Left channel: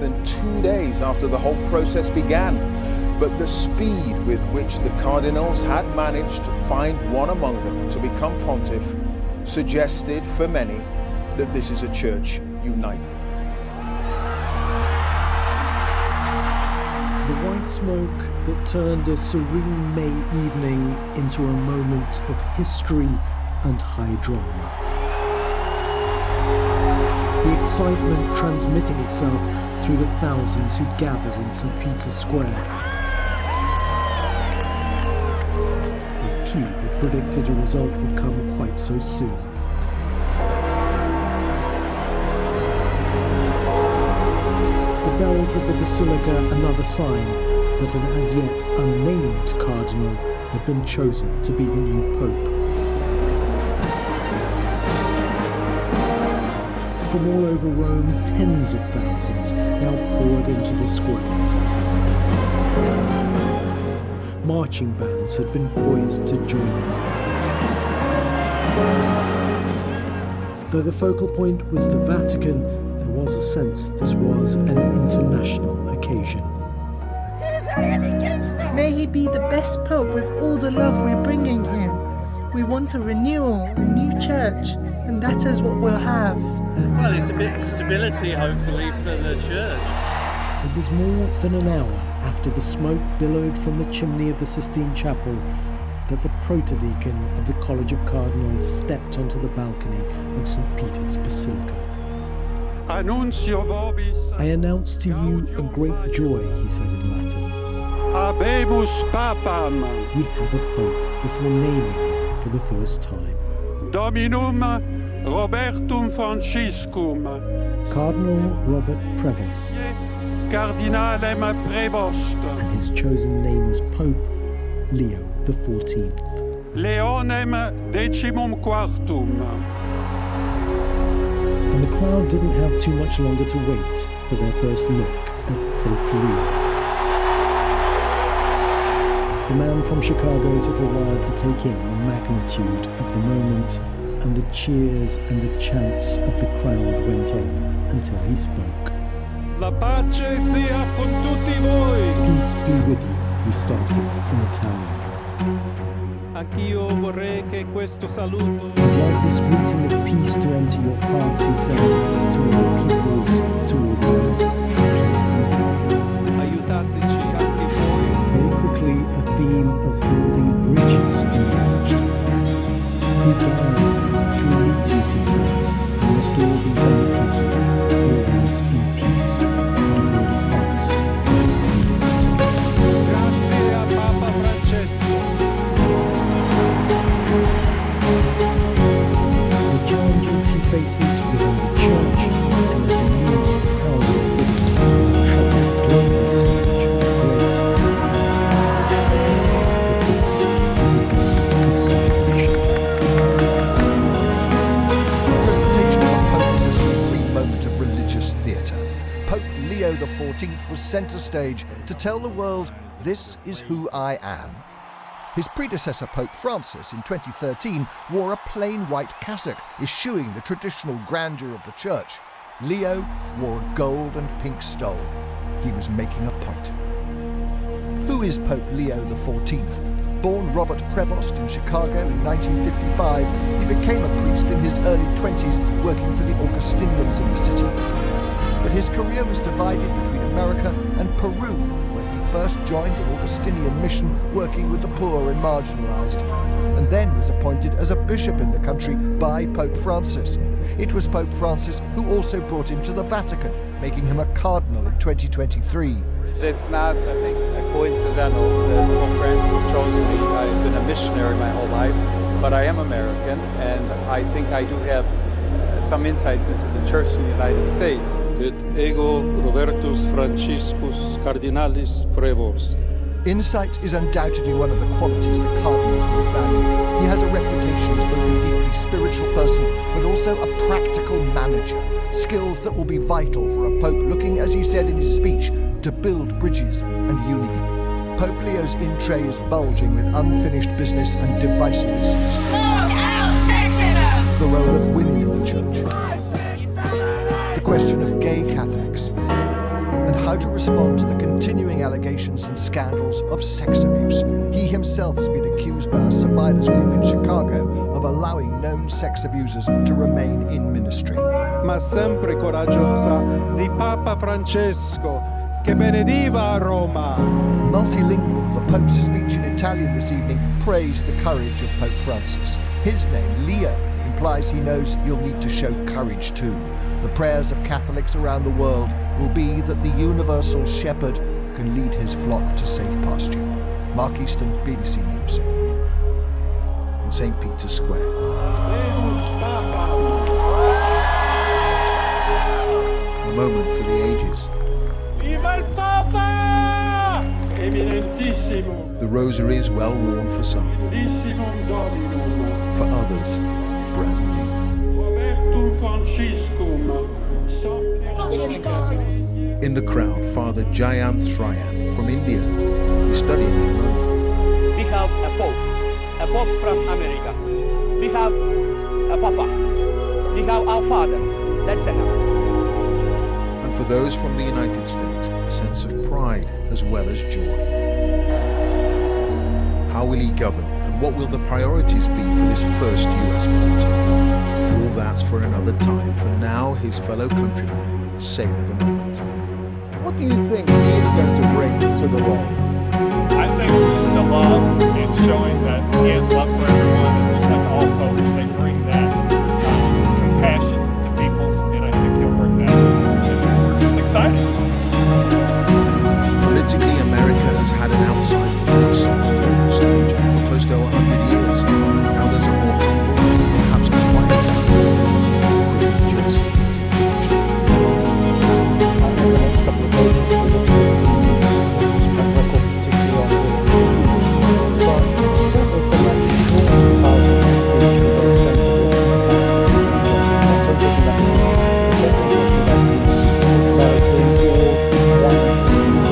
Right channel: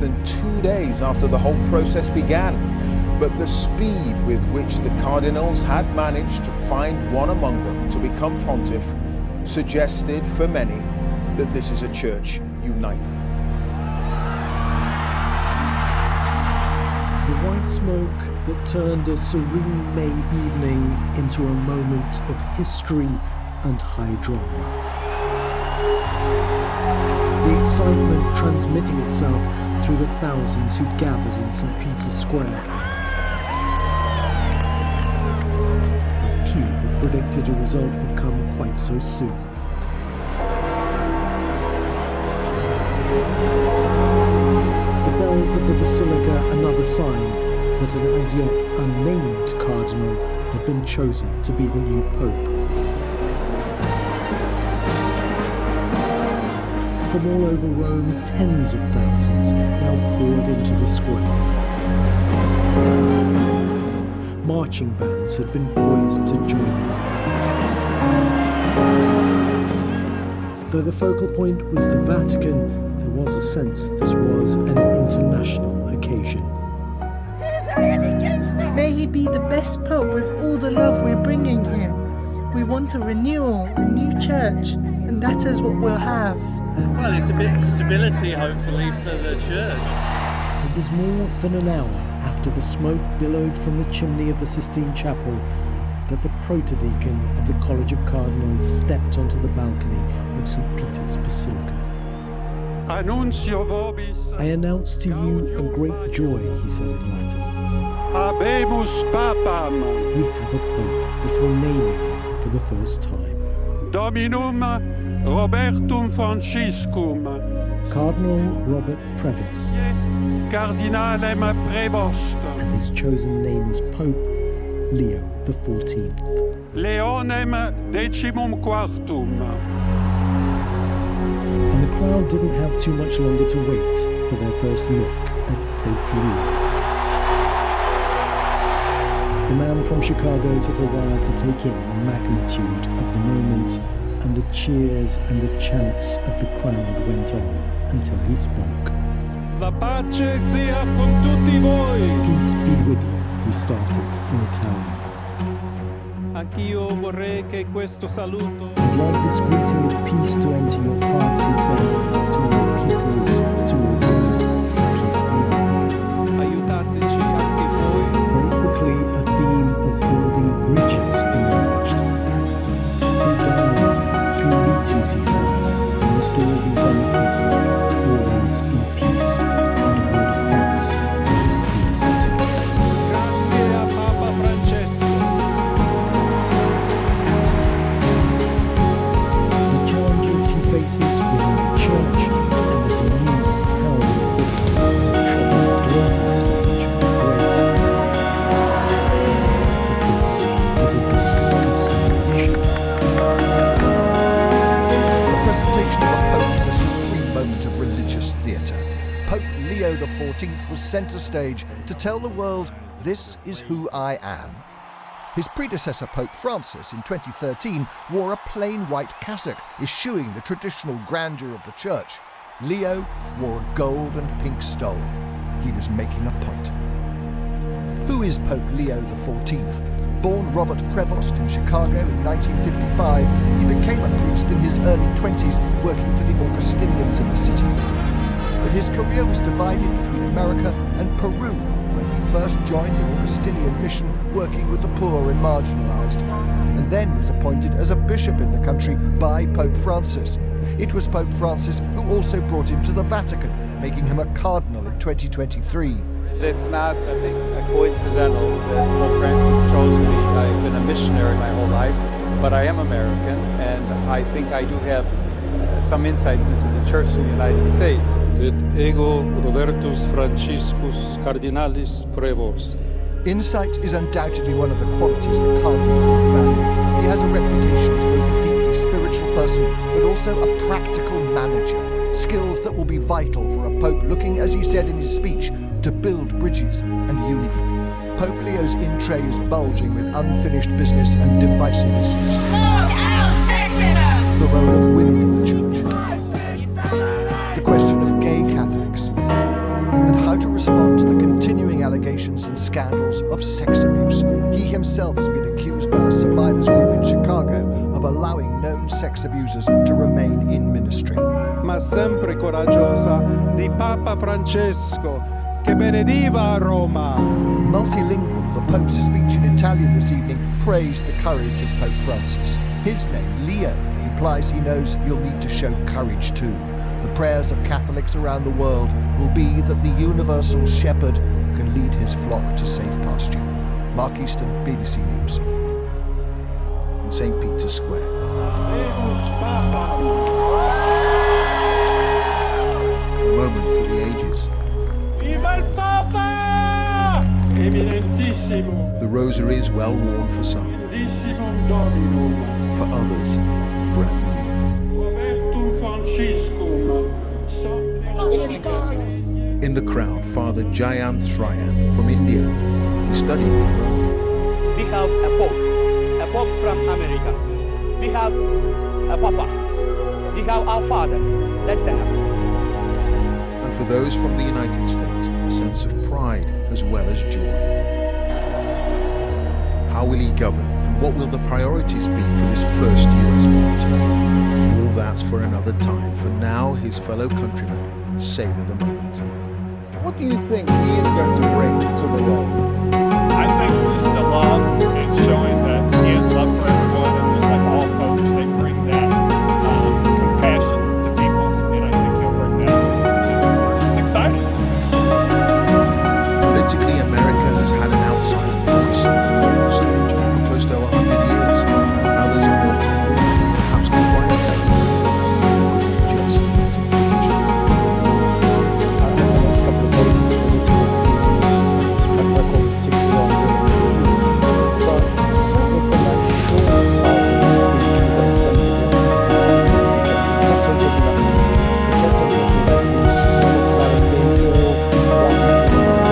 than 2 days after the whole process began. But the speed with which the cardinals had managed to find one among them to become pontiff suggested for many that this is a church united. The white smoke that turned a serene May evening into a moment of history and high drama. The excitement transmitting itself through the thousands who'd gathered in St. Peter's Square. The few had predicted a result would come quite so soon. The bells of the basilica, another sign that an as yet unnamed cardinal had been chosen to be the new pope. From all over Rome, tens of thousands now poured into the square. Marching bands had been poised to join them. Though the focal point was the Vatican, there was a sense this was an international occasion. May he be the best pope with all the love we're bringing him. We want a renewal, a new church, and that is what we'll have. Well, it's a bit of stability, hopefully, for the church. It was more than an hour after the smoke billowed from the chimney of the Sistine Chapel that the protodeacon of the College of Cardinals stepped onto the balcony of St. Peter's Basilica. I announce to you a great joy, he said in Latin. Habemus papam. We have a pope, before naming him for the first time. Dominum Robertum Franciscum. Cardinal Robert Prevost. Cardinalem Prevost. And his chosen name as Pope, Leo XIV. Leonem Decimum Quartum. And the crowd didn't have too much longer to wait for their first look at Pope Leo. The man from Chicago took a while to take in the magnitude of the moment, and the cheers and the chants of the crowd went on until he spoke. La pace sia con tutti voi. Peace be with you, he started in Italian. Anch'io vorrei che questo saluto. I'd like this greeting of peace to enter your hearts, he said, to all peoples, to all the earth. Peace be with you. Aiutateci anche voi. Very quickly, a theme of building bridges emerged. Through dialogue, through meetings, he said, we must all be one people, always in peace, and a word of thanks to his predecessor. Grazie a Papa Francesco. The challenges he faces within the church and as a new towering figure on the troubled global stage are great. But this is a day of celebration. The presentation of a pope is a supreme moment of religious theatre. Pope Leo XIV was centre stage to tell the world, "This is who I am." His predecessor, Pope Francis, in 2013, wore a plain white cassock, eschewing the traditional grandeur of the church. Leo wore a gold and pink stole. He was making a point. Who is Pope Leo XIV? Born Robert Prevost in Chicago in 1955, he became a priest in his early 20s, working for the Augustinians in the city. But his career was divided between America and Peru, where he first joined an Augustinian mission working with the poor and marginalized, and then was appointed as a bishop in the country by Pope Francis. It was Pope Francis who also brought him to the Vatican, making him a cardinal in 2023. It's not, I think, coincidental that Pope Francis chose me. I've been a missionary my whole life, but I am American, and I think I do have some insights into the church in the United States. Et ego Robertus Franciscus Cardinalis Prevost. Insight is undoubtedly one of the qualities the cardinals will value. He has a reputation as both a deeply spiritual person, but also a practical manager, skills that will be vital for a pope looking, as he said in his speech, to build bridges and unify. Pope Leo's in tray is bulging with unfinished business and divisive issues. Look out, sexism! The role of women in the church. The question of gay Catholics. to respond to the continuing allegations and scandals of sex abuse. He himself has been accused by a survivors group in Chicago of allowing known sex abusers to remain in ministry. Ma sempre coraggiosa di Papa Francesco, che benediva Roma. Multilingual, the Pope's speech in Italian this evening praised the courage of Pope Francis. His name, Leo, implies he knows you'll need to show courage too. The prayers of Catholics around the world will be that the universal shepherd can lead his flock to safe pasture. Mark Easton, BBC News. In St. Peter's Square. A moment for the ages. Viva il Papa! Eminentissimo. The rosary is well worn for some. Eminentissimum Dominum. For others, brand new. Robertum Franciscum. In the crowd, Father Jayanth Shrayan from India. He's studying in Rome. We have a pope from America. We have a papa. We have our father. That's enough. And for those from the United States, a sense of pride as well as joy. How will he govern, and what will the priorities be for this first US pontiff? All that's for another time. For now, his fellow countrymen savor the moment. What do you think he is going to bring to the role? I think just the love and showing that he has love for everyone, and just like all popes, they bring that compassion to people, and I think he'll bring that. And we're just excited. Politically, America has had an outsized voice on the global stage for close to 100 years. Now there's a more humble, perhaps quieter, could be just as influential. In the next couple of days, his political track record, particularly on the but certainly from that short part of the speech, we got a sense of what he has to do. He kept on talking about peace. He kept on talking about peace. He talked about it being all one. He talked about building the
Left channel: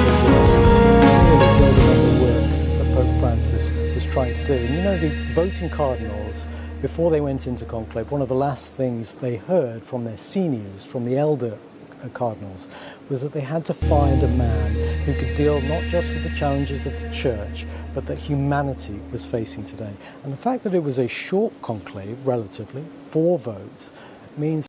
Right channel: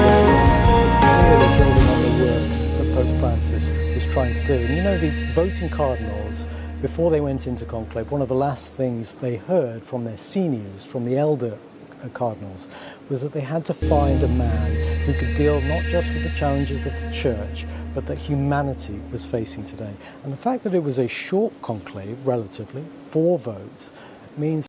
business. Clearly building on the work that Pope Francis was trying to do. And you know, the voting cardinals, before they went into conclave, one of the last things they heard from their seniors, from the elder cardinals, was that they had to find a man who could deal not just with the challenges of the church, but that humanity was facing today. And the fact that it was a short conclave, relatively, 4 votes, means